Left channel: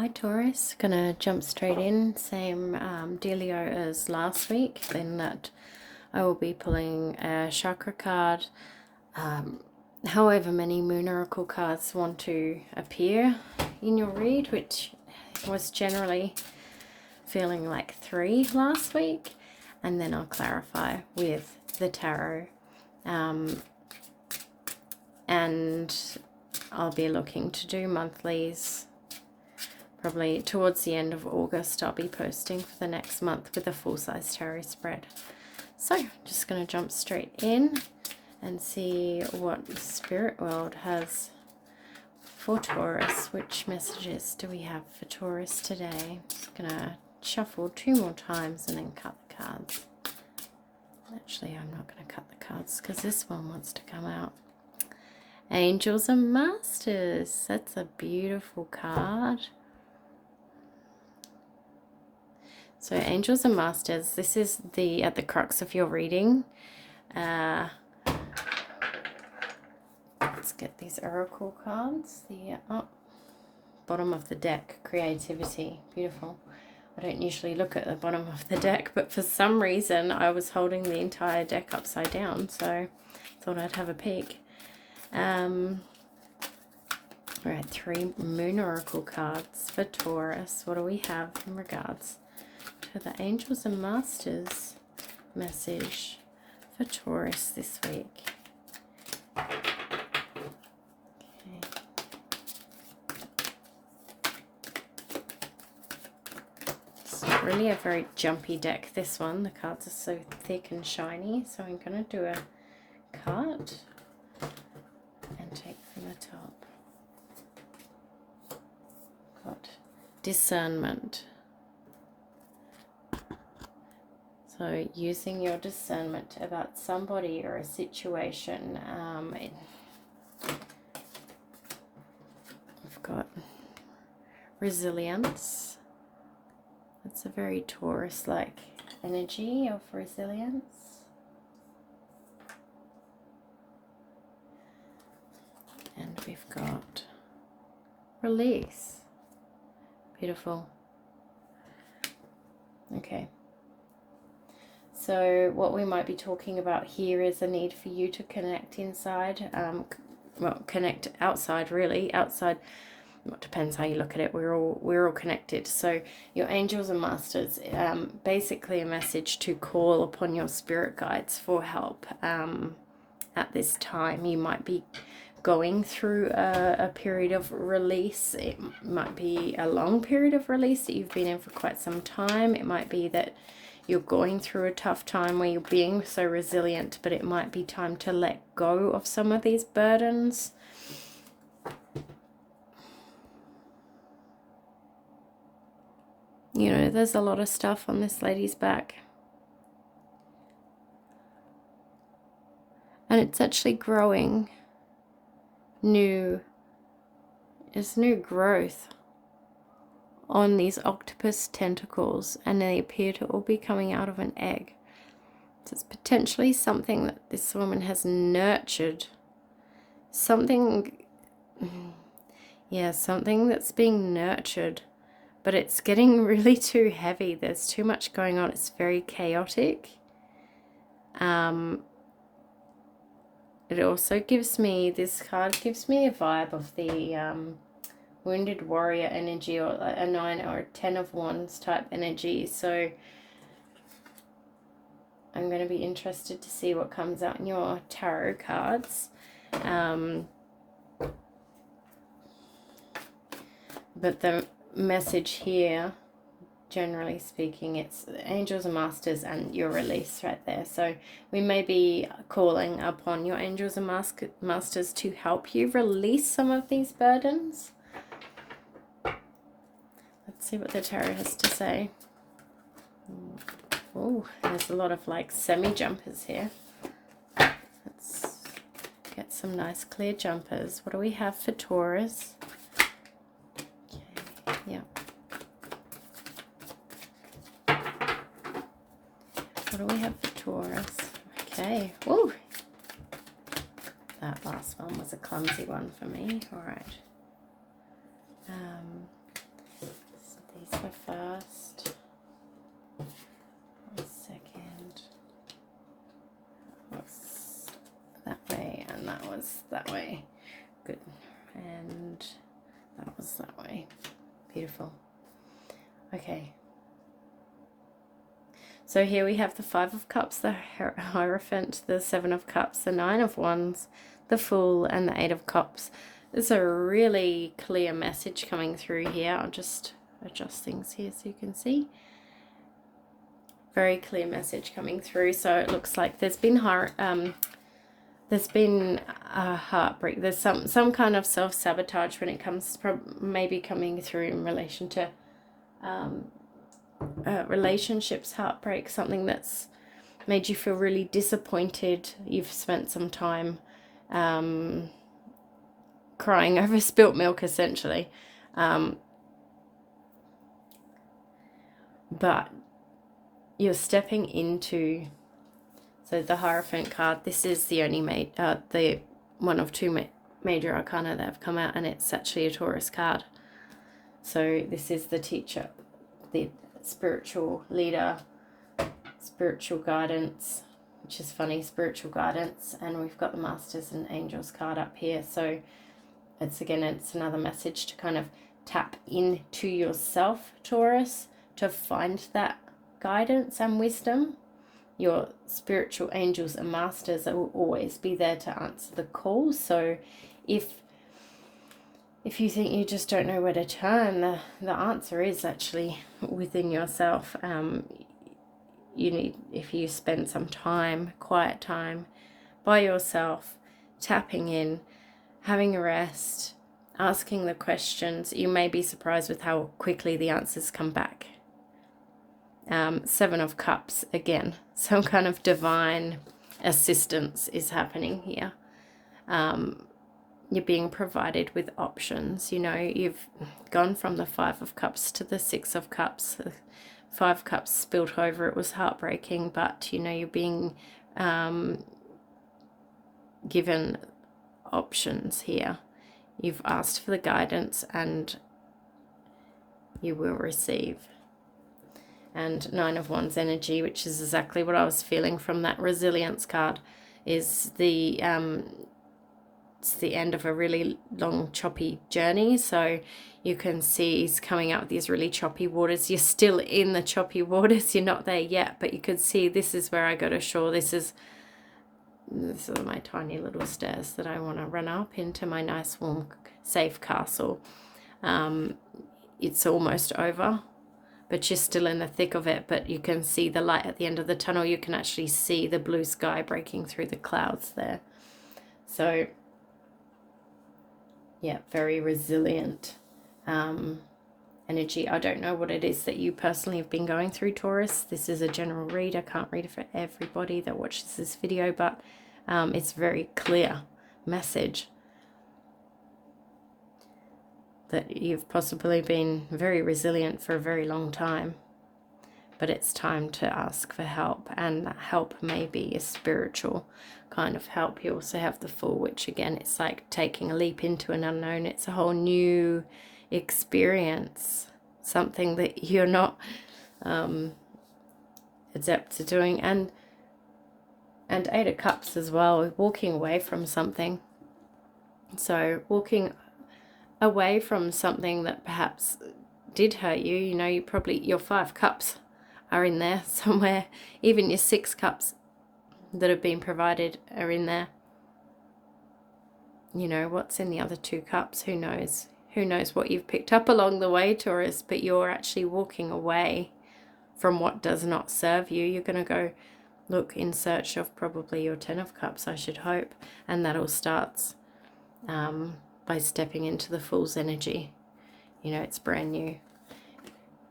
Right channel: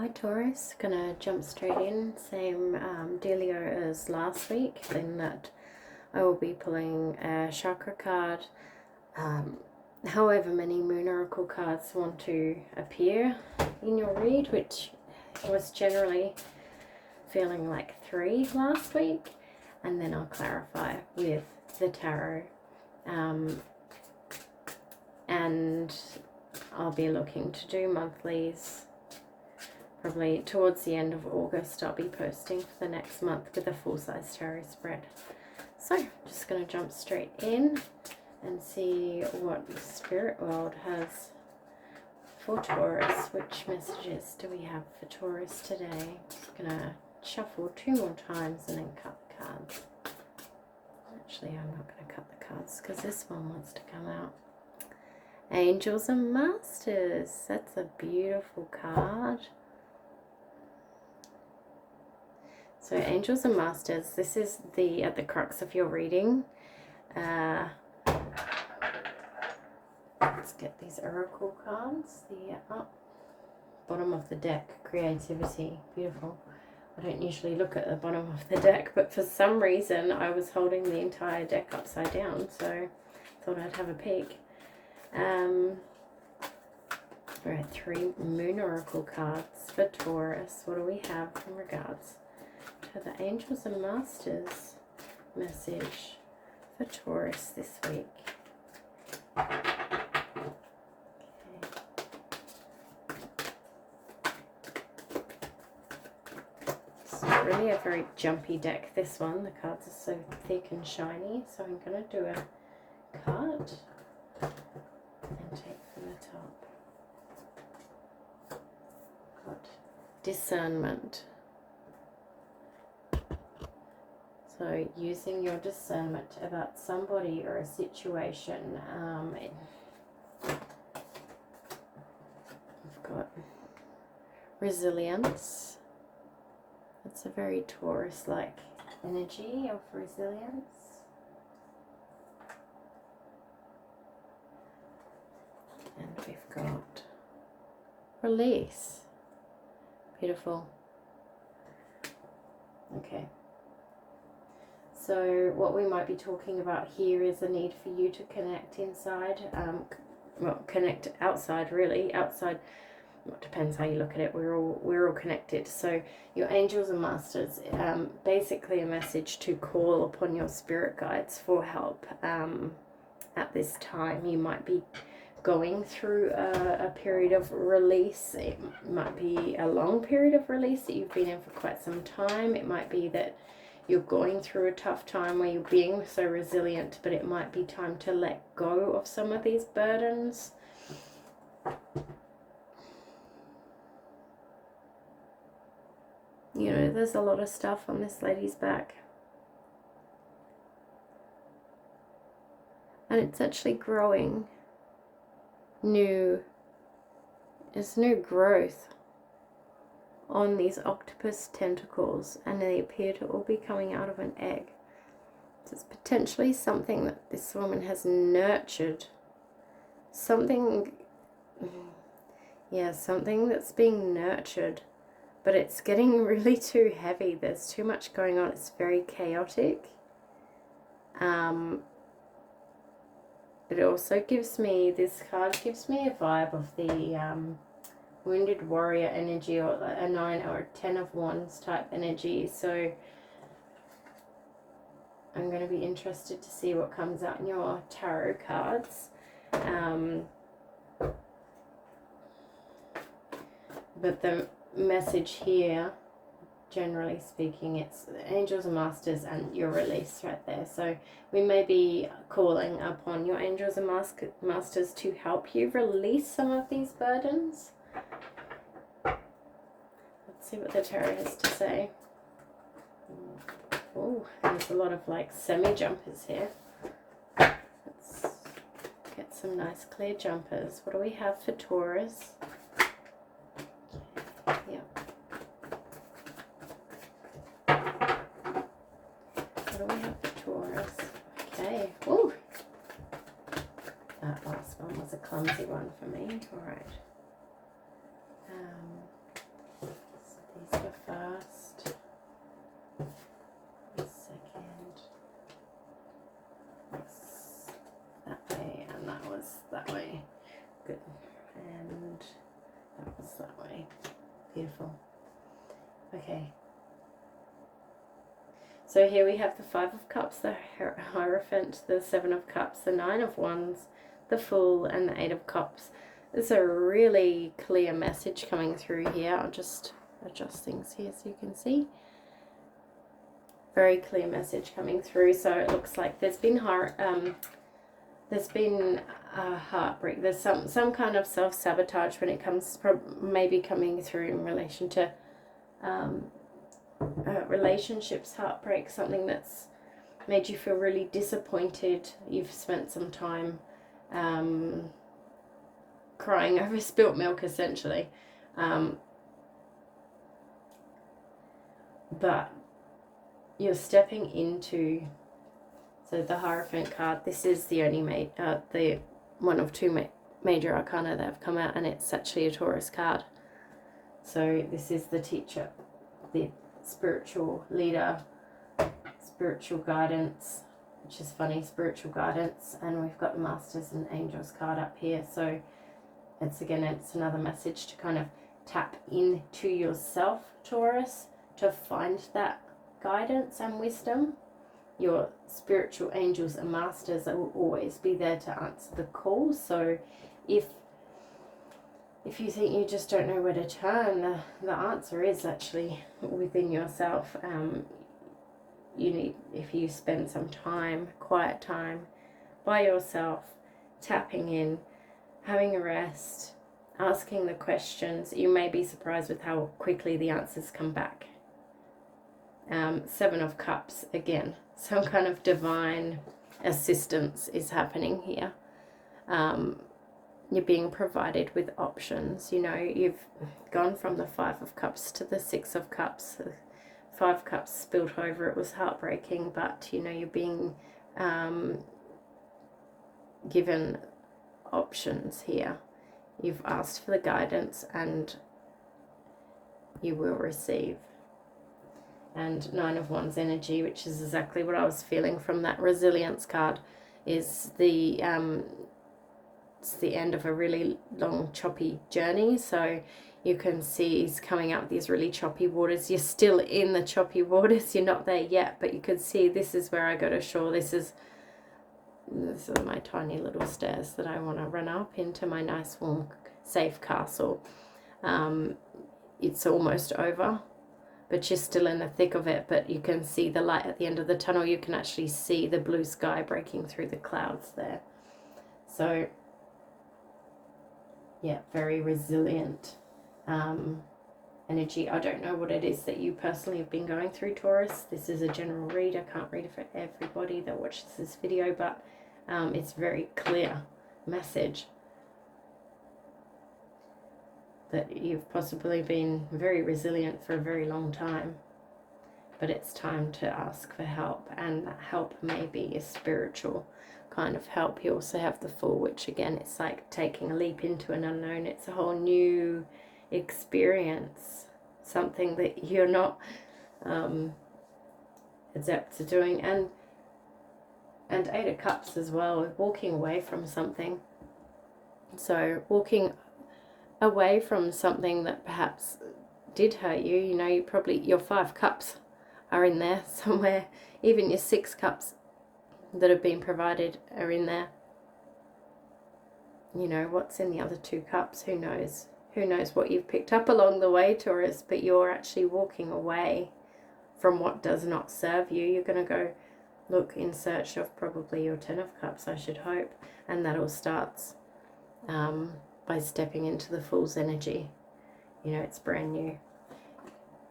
Hi Taurus, gonna jump straight in, same dealio as last week, then that I will be pulling a chakra card, however many moon oracle cards want to appear in your read, which was generally feeling like 3 last week, and then I'll clarify with the tarot, and I'll be looking to do monthlies. Probably towards the end of August, I'll be posting for the next month with a full-size tarot spread. So, just going to jump straight in and see what the spirit world has for Taurus. Which messages do we have for Taurus today? I'm going to shuffle 2 more times and then cut the cards. Actually, I'm not going to cut the cards because this one wants to come out. Angels and Masters. That's a beautiful card. So Angels and Masters, this is at the crux of your reading. Let's get these oracle cards. The bottom of the deck, creativity, beautiful. I don't usually look at the bottom of the deck, but for some reason I was holding the entire deck upside down, so thought I'd have a peek. Right, 3 moon oracle cards for Taurus. What do we have in regards to the Angels and Masters message for Taurus this week? Okay. It's really a very jumpy deck, this one. The cards are so thick and shiny, so I'm going to do a cut and take from the top. Got discernment. So using your discernment about somebody or a situation. I've got resilience. It's a very Taurus-like energy of resilience. And we've got release. Beautiful. Okay. So what we might be talking about here is the need for you to connect inside, well, connect outside, really. Outside, well, it depends how you look at it. We're all connected. So your angels and masters, basically a message to call upon your spirit guides for help. At this time, you might be going through a period of release. It might be a long period of release that you've been in for quite some time. It might be that you're going through a tough time where you're being so resilient, but it might be time to let go of some of these burdens. You know, there's a lot of stuff on this lady's back. And it's actually growing. It's new growth on these octopus tentacles, and they appear to all be coming out of an egg. So it's potentially something that this woman has nurtured. Something that's being nurtured, but it's getting really too heavy. There's too much going on. It's very chaotic. It also gives me, this card gives me a vibe of the wounded warrior energy, or a 9 or a 10 of wands type energy. So I'm going to be interested to see what comes out in your tarot cards. But the message here, generally speaking, it's angels and masters and your release right there. So we may be calling upon your angels and masters to help you release some of these burdens. Let's see what the tarot has to say. Oh, there's a lot of like semi-jumpers here. Let's get some nice clear jumpers. What do we have for Taurus? Okay, yep. What do we have for Taurus? Okay. Ooh. That last one was a clumsy one for me. All right. was that way. Good. And that was that way. Beautiful. Okay. So here we have the Five of Cups, the Hierophant, the Seven of Cups, the Nine of Wands, the Fool, and the Eight of Cups. There's a really clear message coming through here. I'll just adjust things here so you can see. Very clear message coming through. So it looks like there's been a heartbreak. There's some kind of self-sabotage when it comes to maybe coming through in relation to relationships, heartbreak, something that's made you feel really disappointed. You've spent some time crying over spilt milk, essentially. But you're stepping into, so the Hierophant card, this is the only the one of two major arcana that have come out, and it's actually a Taurus card. So this is the teacher, the spiritual leader, spiritual guidance, which is funny, spiritual guidance, and we've got the Masters and Angels card up here. So it's another message to kind of tap into yourself, Taurus, to find that guidance and wisdom. Your spiritual angels and masters will always be there to answer the call. So if you think you just don't know where to turn, the answer is actually within yourself. If you spend some time, quiet time by yourself, tapping in, having a rest, asking the questions, you may be surprised with how quickly the answers come back. Seven of Cups, again, some kind of divine assistance is happening here. You're being provided with options. You've gone from the Five of Cups to the Six of Cups. The Five Cups spilt over. It was heartbreaking, but you're being given options here. You've asked for the guidance and you will receive. And Nine of Wands energy, which is exactly what I was feeling from that resilience card, is it's the end of a really long, choppy journey. So you can see he's coming out of these really choppy waters. You're still in the choppy waters. You're not there yet, but you could see this is where I go to shore. This is my tiny little stairs that I want to run up into my nice, warm, safe castle. It's almost over, but you're still in the thick of it, but you can see the light at the end of the tunnel. You can actually see the blue sky breaking through the clouds there. So, yeah, very resilient energy. I don't know what it is that you personally have been going through, Taurus. This is a general read. I can't read it for everybody that watches this video, but it's very clear message that you've possibly been very resilient for a very long time, but it's time to ask for help, and that help may be a spiritual kind of help. You also have the Fool, which again, it's like taking a leap into an unknown. It's a whole new experience, something that you're not adept to doing, and Eight of Cups as well, walking away from something. So walking away from something that perhaps did hurt you. You probably, your Five Cups are in there somewhere. Even your Six Cups that have been provided are in there. What's in the other two cups, who knows? Who knows what you've picked up along the way, Taurus, but you're actually walking away from what does not serve you. You're going to go look in search of probably your Ten of Cups, I should hope, and that all starts by stepping into the Fool's energy. It's brand new.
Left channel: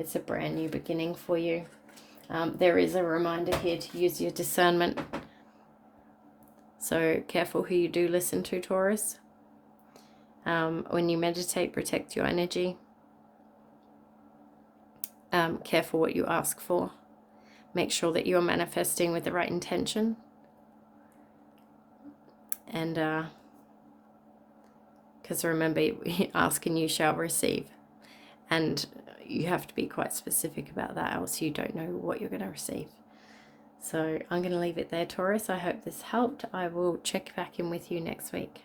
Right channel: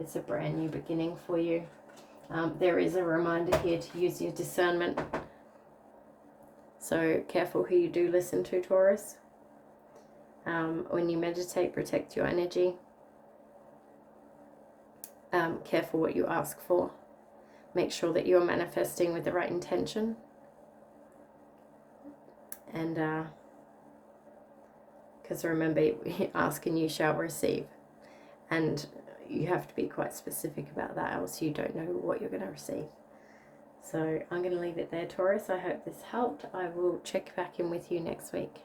It's a brand new beginning for you. There is a reminder here to use your discernment. So careful who you do listen to, Taurus. When you meditate, protect your energy. Careful what you ask for. Make sure that you're manifesting with the right intention. And because remember, ask and you shall receive. And you have to be quite specific about that, else you don't know what you're going to receive. So I'm going to leave it there, Taurus. I hope this helped. I will check back in with you next week.